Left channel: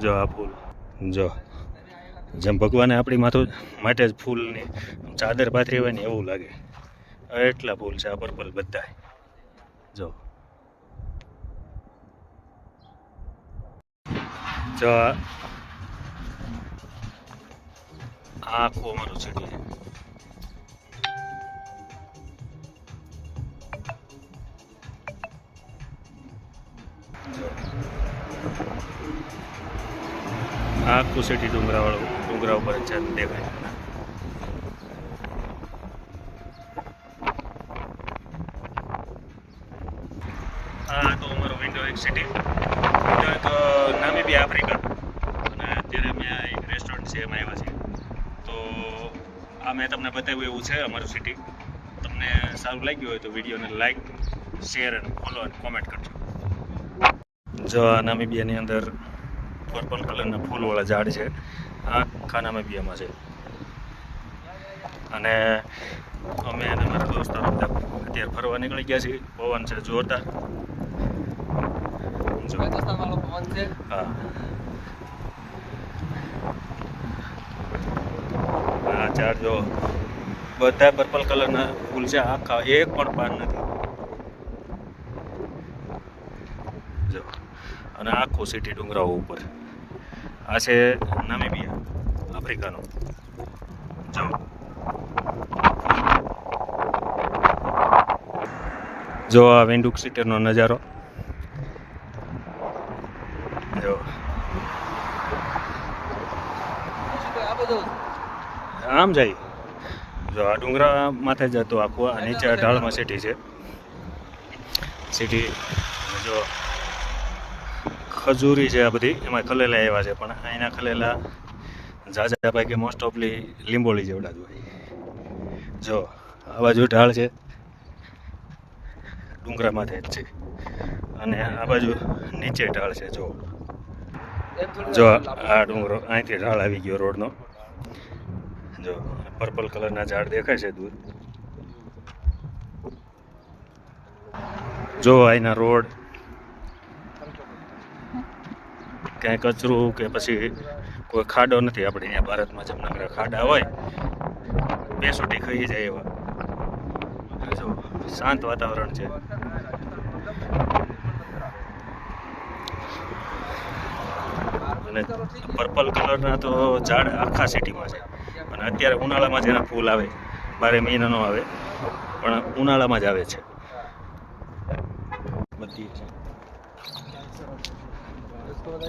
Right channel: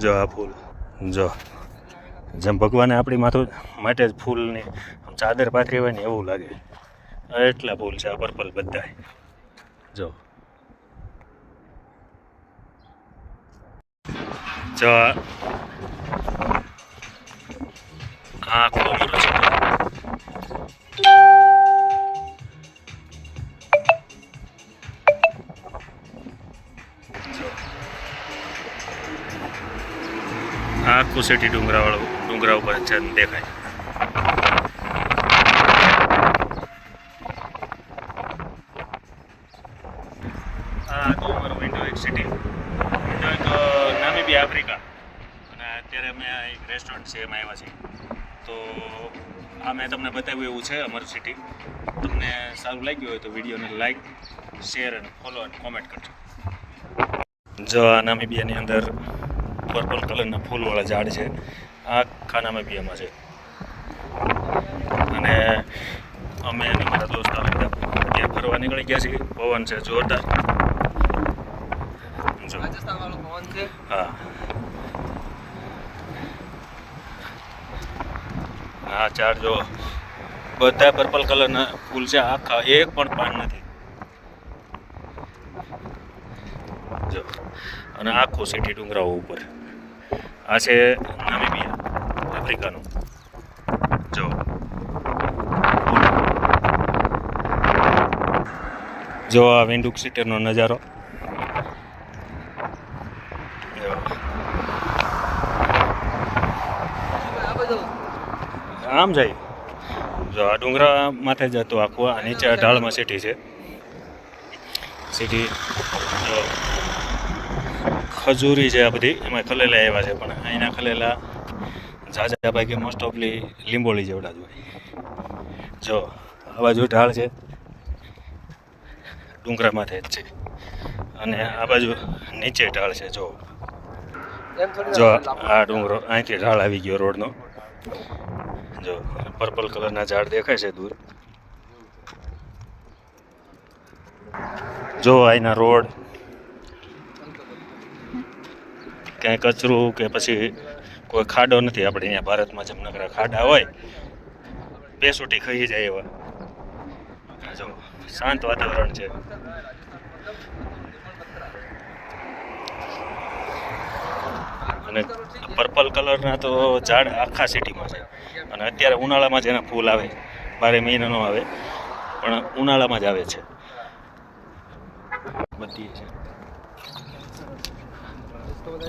જો આ ફૂલ. જો. જેમ ભગવાને આપણી માથું માટે જ ફૂલની ચાદર પાથરી હોય ને એવું લાગે. એટલા ફૂલ છે આ પર્પલ બધા જો. જો આખો મારો આખું સિટી ડુંગરાવાળું, ડુંગરા ઉપર છે દેખાય. આ તો અમારું વિન્ડો એક સિટી વિન્ડો એક નામી બી આફ્રિકા અને અત્યારે અમે એક રેસ્ટોરન્ટ છે, એમાં આવ્યા છીએ. તો આ મેં તમને બતાવ્યું એવું છે અમારું સિટી તમને સારું લાગ્યું હોય તો વિડીયોને લાઈક શેર અને ફોલો અને કોમેન્ટ કરજો. જો આ નામીબિયાની અંદર પર્પલ કલરના ફૂલવાળા ઝાડ છે. આખા એમાં છે. અને અમે અને મારા દોસ્તારો બધા ત્યાં ફરવા નીકળી ગયા છીએ. પવન છે જોરદાર. હા. આ ઝાડ જો. બધા પર્પલ કલરના ફૂલ છે. આખા એક પણ પાન નથી. જો. અને આખો સિટી ડુંગરાઓ ઉપર. આ છે નામીબિયા, આફ્રિકાનું. જો. જો આ વિન્ડુક સિટીનો નજારો. આમ જાય. જો આ ડુંગરા માથે જ હતું આખું, આ નીચે ઢાળમાં સિટી છે. સિટી. જો. ખજૂરી છે આ બધી. એમાં ખલેલા એવા છે પણ અહીંના ખલેલા ઝાઝા ભાગે મોસ્ટ ઓફલી લીંબોળી જેવડા જ હોય. જો આ બાજુ ઢાળ છે. ડુંગરા માથે જ છે. અને આ બાજુ નીચે ઢાળ છે જો. જો આ ડુંગરો અહીંથી ઢાળ આવી ગયો રોડનો. જો પર્પલ કલરના ઝાડ દેખાય છે દૂર. જો અહીંના રોડ. ક્યાંય કચરું કે પછી કોઈ ખાડો નથી. આપણે અહીંયા ભારતમાં જમનગર ખાડા હોય, બે સુટી ખાઈ જાય એવા. જો શાંત વાતાવરણ છે. અને પર્પલ કલરના તો ઝાડ આખા સિટીમાં છે. અને અત્યારે ઉનાળામાં જ એના ફૂલ આવે. બારે મહિના નો આવે, પણ ઉનાળામાં જ આવે છે. બધી છે.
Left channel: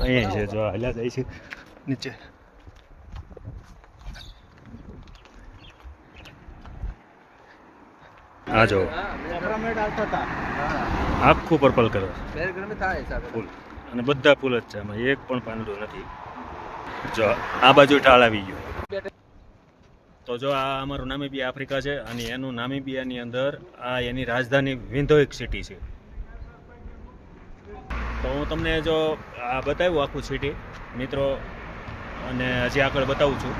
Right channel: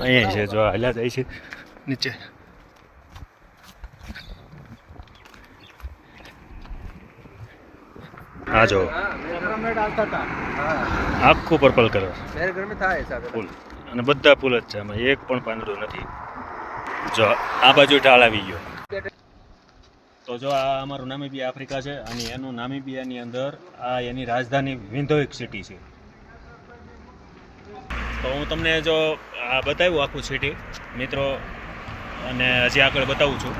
અહીંયા છે, જો હાલ્યા જાય છે. નીચે. હા જો. આખું પર્પલ કલર ફૂલ. અને બધા ફૂલ જ છે એક પણ પાંદડું નથી. જો, આ બાજુ ઢાળ આવી ગયો. તો જો આ અમારું નામીબિયા આફ્રિકા છે, અને એનું નામીબિયાની અંદર આ એની રાજધાની વિન્ધોઇક સિટી છે. તો હું તમને જો આ બતાવ્યું આખું સિટી મિત્રો અને હજી આગળ બતાવું છું.